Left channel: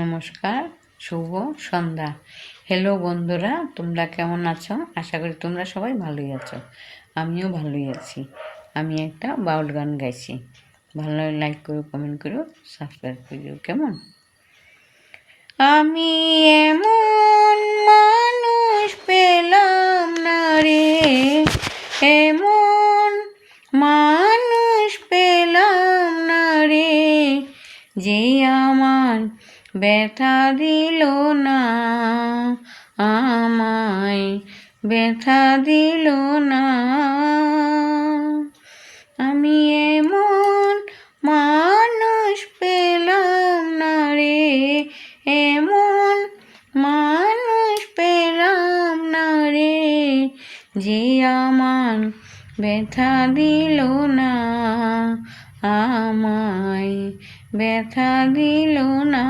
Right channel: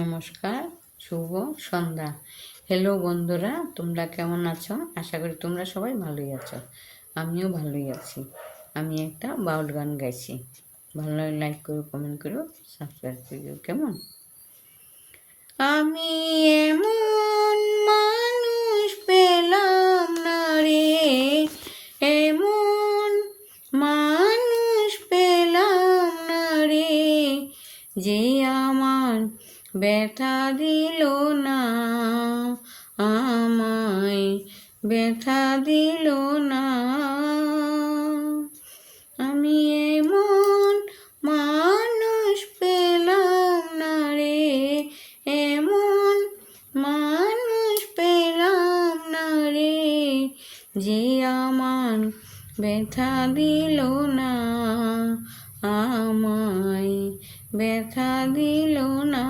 নমস্কার, শুভ সন্ধ্যা। হ্যালো বন্ধুরা, তোমরা কেমন আছো? আশা করি তোমরা সবাই ভালোই আছো। আমিও ভালোই আছি। আমি একটা বাউল গান গাইছি। ভালো লাগলে লাইক করো, কমেন্ট করো, সাবস্ক্রাইব করো। কেমন? আমি এমন মানুষ পেলাম না রে, এমন মানুষ পেলাম না রে, যে আমার ব্যথা দিল না, আমায় ব্যথা দিল না। আমি এমন মানুষ পেলাম না রে, এমন মানুষ পেলাম না রে, যে আমার ব্যথা দিল না, আমায় ব্যথা দিল না।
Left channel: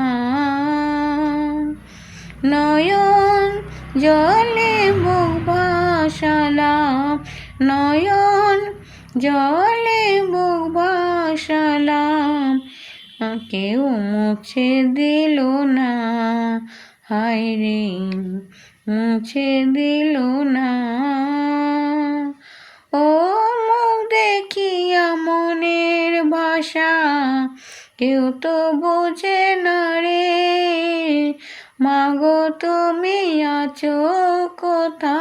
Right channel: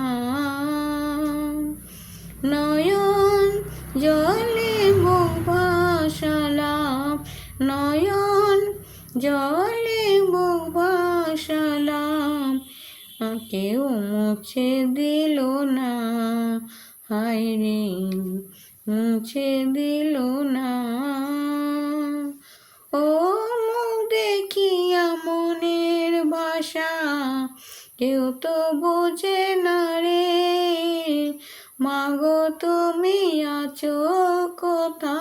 নয়ন জলে বুক ভাসালাম, নয়ন জলে বুক ভাসালাম, কেউ মুছে দিল না, হায় রে মুছে দিল না। ও মুখ দেখিয়া মনের ভাষা কেউ তো বোঝে না রে, মাগো তুমি আছো কোথা,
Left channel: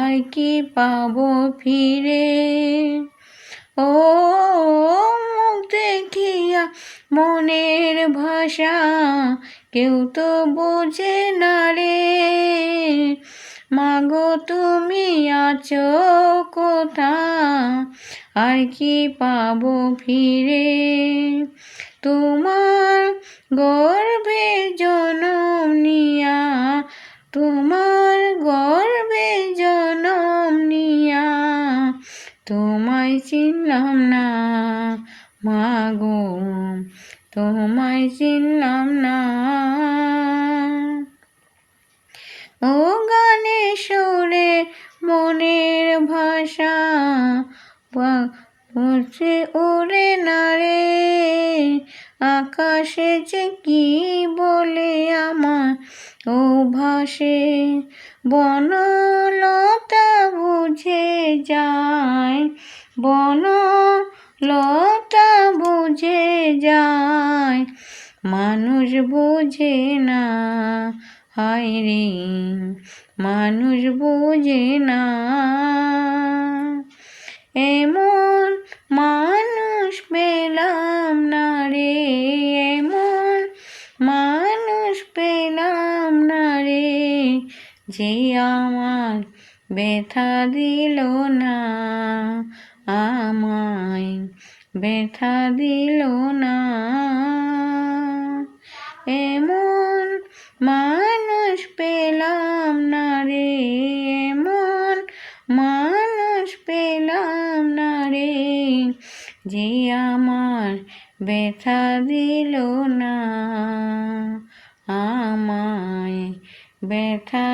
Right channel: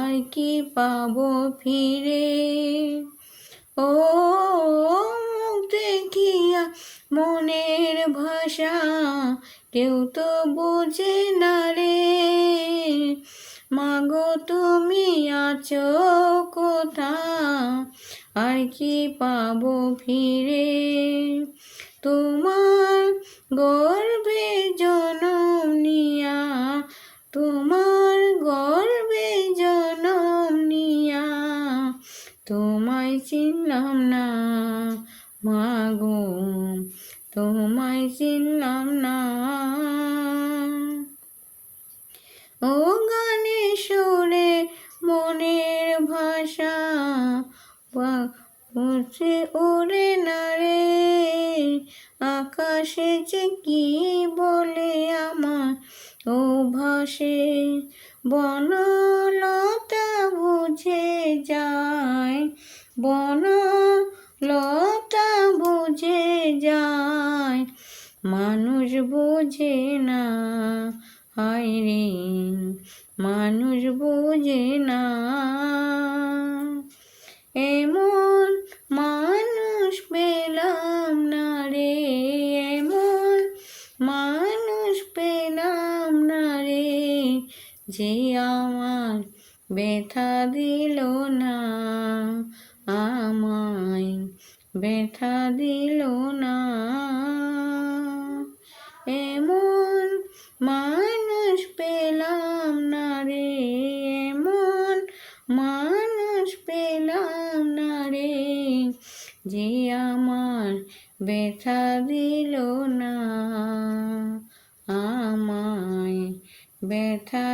আর কি পাবো ফিরে। ও মুখ দেখিয়া মনের ভাষা কেউ তো বোঝে না রে, মাগো তুমি আছো কোথা, আর কি পাবো ফিরে। তোমার গর্ভে জনম নিয়া, তোমার গর্ভে জনম নিয়া, তোমায় চিনলাম না মাগো, তোমায় চিনলাম না। ও গানে সুরে মনের ভাষা উঠে উড়ে না রে, আকাশে যে কি বলে আমার ও ভাসে, বনলতা বুঝে যায়, বনলতা বুঝে যায়, মানুষ বুঝে না, হায় রে মানুষ বুঝে না। এমন মানুষ পেলাম না রে, এমন মানুষ পেলাম না রে, যে আমার ব্যথা দিল না, আমায় ব্যথা দিল না। এমন মানুষ পেলাম না রে, এমন মানুষ পেলাম না রে, যে আমার ব্যথা দিল না, আমায় ব্যথা